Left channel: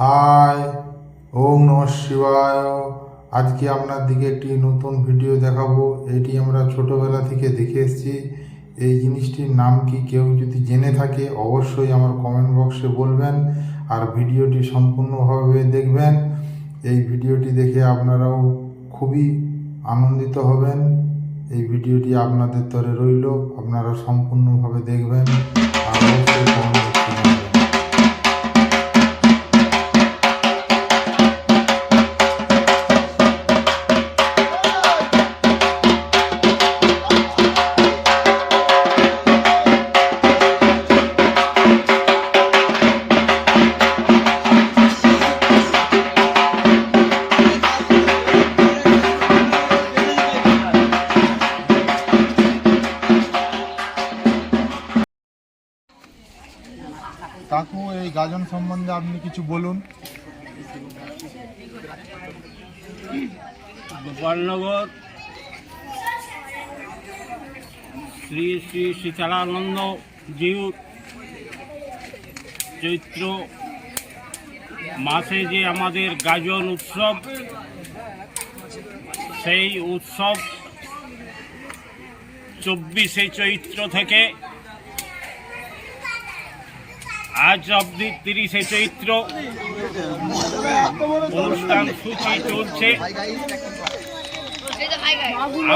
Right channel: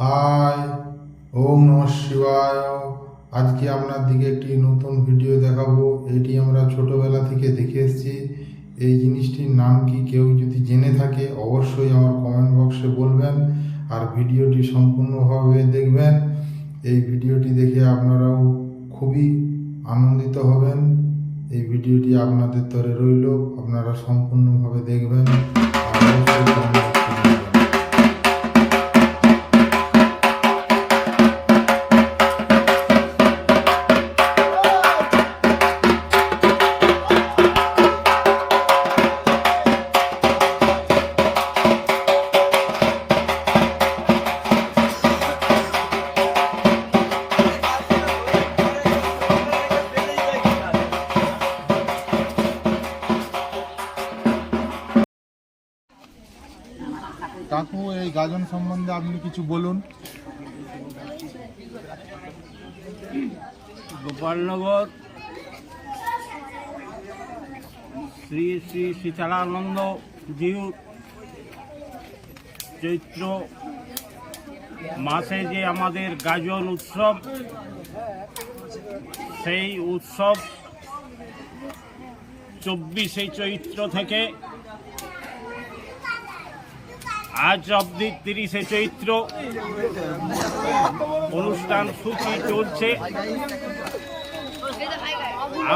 High, ওম নমঃ শিবায়। আজকে আপনার দিকে একটি নতুন ভিডিও দেখাবো। এটি আমরা ছোটোবেলা থেকে দেখে এসেছি। এই জিনিসটির নাম কি কেউ যদি জেনে থাকে অবশ্যই আমার কমেন্ট বক্সে বলবেন, আর ভিডিওটি সম্পূর্ণভাবে দেখবেন। এই ভিডিওটি দেখে আপনারাও খুবই আনন্দিত হবেন। এই ভিডিওটি আপনাদের তরে রইল, আপনারা সম্পূর্ণভাবে দেখবেন আর অবশ্যই কমেন্ট বক্সে জানাবেন। কাকু, এই গাজন সম্বন্ধে আপনি কিছু বলুন। গোপালনগর শ্রী শ্রী শীতলানন্দ জিউ চৈত্র মাসে যে আমাদের গাজন উৎসব, সেই উৎসব 24শে চৈত্র থেকে আজ অবধি 30শে চৈত্র অনুষ্ঠান সূচি চলছে।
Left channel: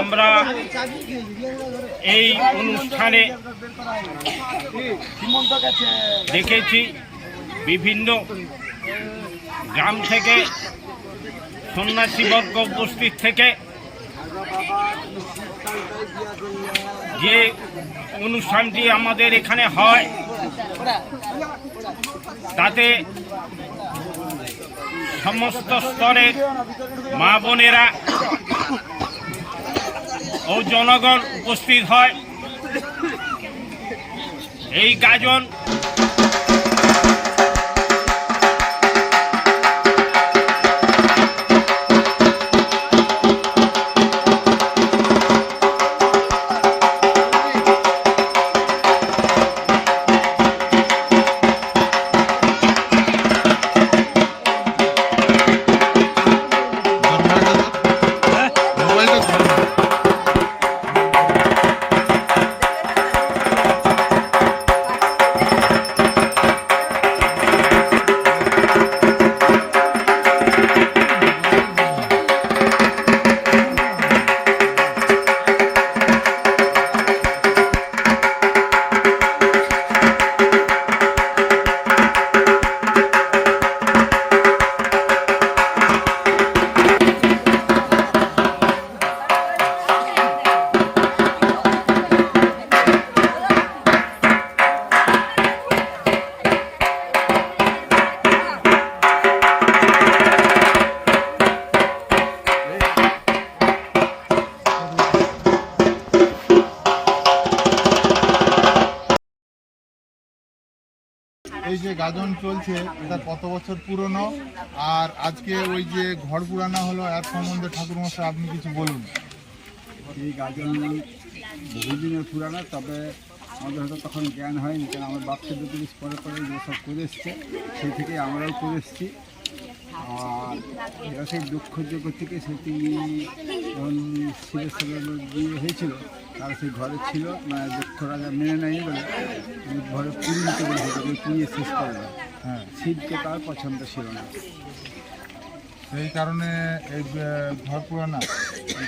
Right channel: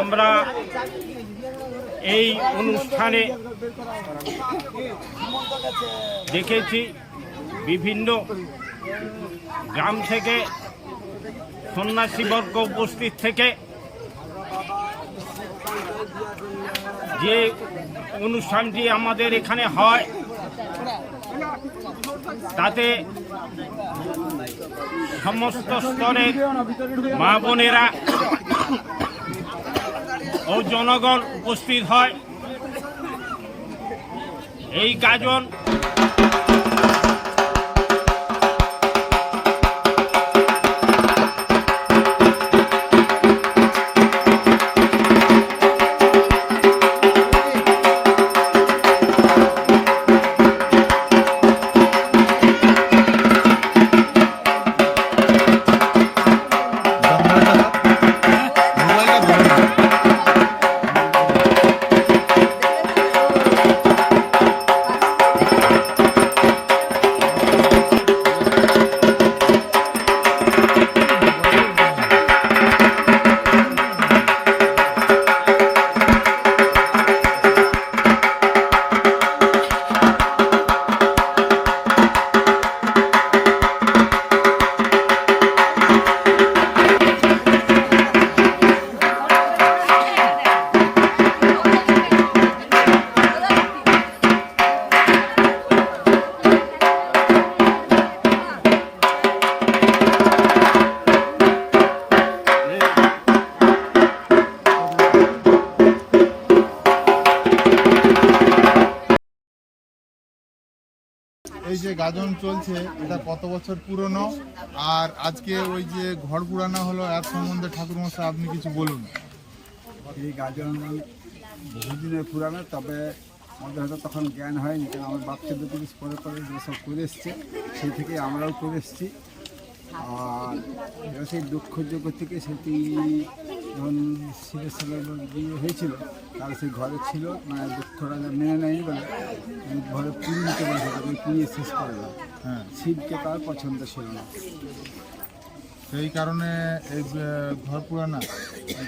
আমরা এই অনুষ্ঠানে দেখেছি বিভিন্ন গ্রাম থেকে সন্ন্যাসীবর্গ উপস্থিত থেকে যে অনুষ্ঠানটি আমাদের এখানে হয়, তাতে সমস্ত স্তরের মা বোনেরা ও জনগণ উপস্থিত হয়। এই গাজন এই যে গাজন চলছে, এটা কত বছর পুরনো, আর আজকে ওই যে ঘর পুরানো হলো, এর সম্বন্ধে ঠাকুরমশাই আপনি কিছু বলুন। এই গাজন বহুদিনের পুরানো, তবে আমাদের হয়তো তখন জ্ঞান হয়নি, কারণ আমার বাচ্চা দুটো পরে পরে যেসব করে এসছে সেই থেকে আমরাও করে এসেছি। আর এরা সেই দক্ষযজ্ঞ থেকে সেটি যখন শিবের সাথে বিয়ে হয়েছিল, তারা সেই ঘরে ছিল, মানে দক্ষ রাজা মেনে নেয়নি বলে ঘরে পুড়িয়ে নিতে বলেছিল, পুড়িয়ে শেষ করে দেয়। হ্যাঁ, শিবকে তার পছন্দ ছিল না, এই কারণে এই ঘর পুরানা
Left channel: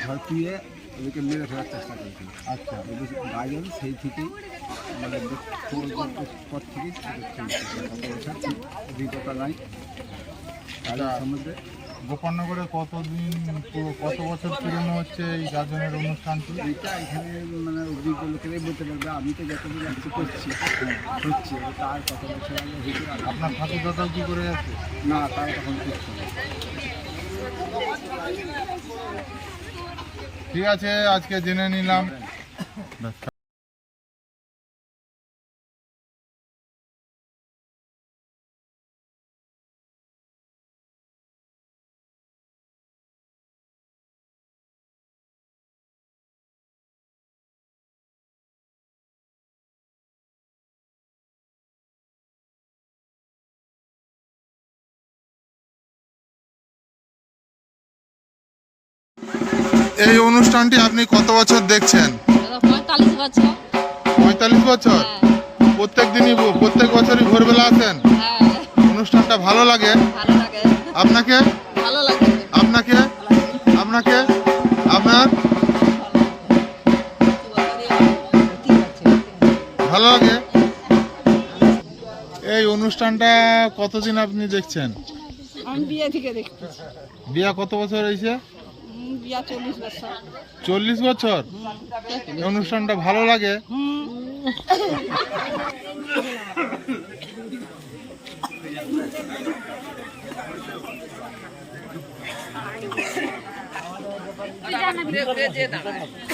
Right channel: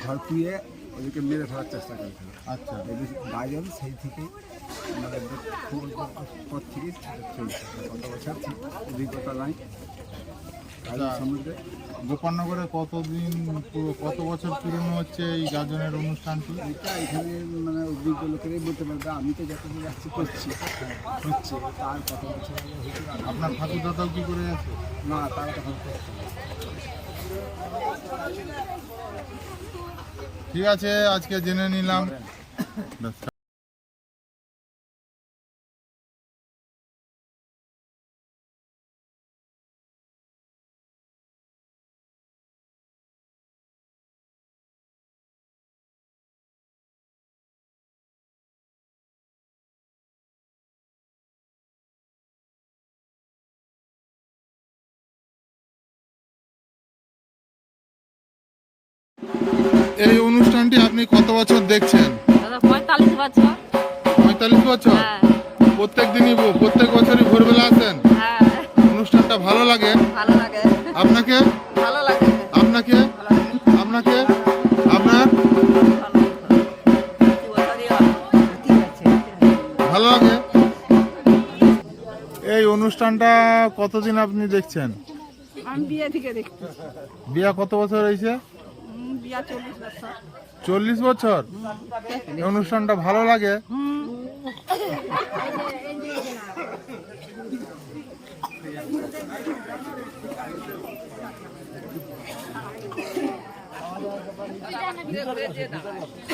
ঘর পুড়িয়ে ওদেরকে মেরে ফেলার চেষ্টা করেছিল। আচ্ছা, এই গাজন সেই থেকেই মানে পর থেকেই চলছে। কত বছর ঠিক অভিজ্ঞতা নাই গাজন সম্বন্ধে। গোপালনগরে কত বছর পুরনো হচ্ছে এই গাজনের অনুষ্ঠানটি? এইটা এখানে মানে অভিজ্ঞ লোকেরাই বলতে পারবে, আমি তো যতদিন যাচ্ছি করছি হচ্ছে, তার কত বছর আগে হয়েছিল আপনার ঠাকুর দাদাও কি করে যাচ্ছে? না, তারা তখন করতে হবে। ঠিক আছে, আজকে জেনে নিলাম। এই অনুষ্ঠানটি আপনি কত বছর দেখছেন? দাদা 45 বছর। 45 বছর। হ্যাঁ প্রত্যেক বছরই ভোরবেলা আসেন? হ্যাঁ অনুষ্ঠানটা ভালো লাগে? ভালো লাগে। আপনাকে? ভালো লাগে। আপনাকে? আপনাকে? আপনার ভালো লাগে? এই অনুষ্ঠানটা কতদিন আপনি দেখছেন? আমি বিয়ে থেকে দেখছি। বিয়া কত বছর হয়েছে? বিয়া 40 বছর। 40 বছর। এই অনুষ্ঠানটা ভালো লাগে?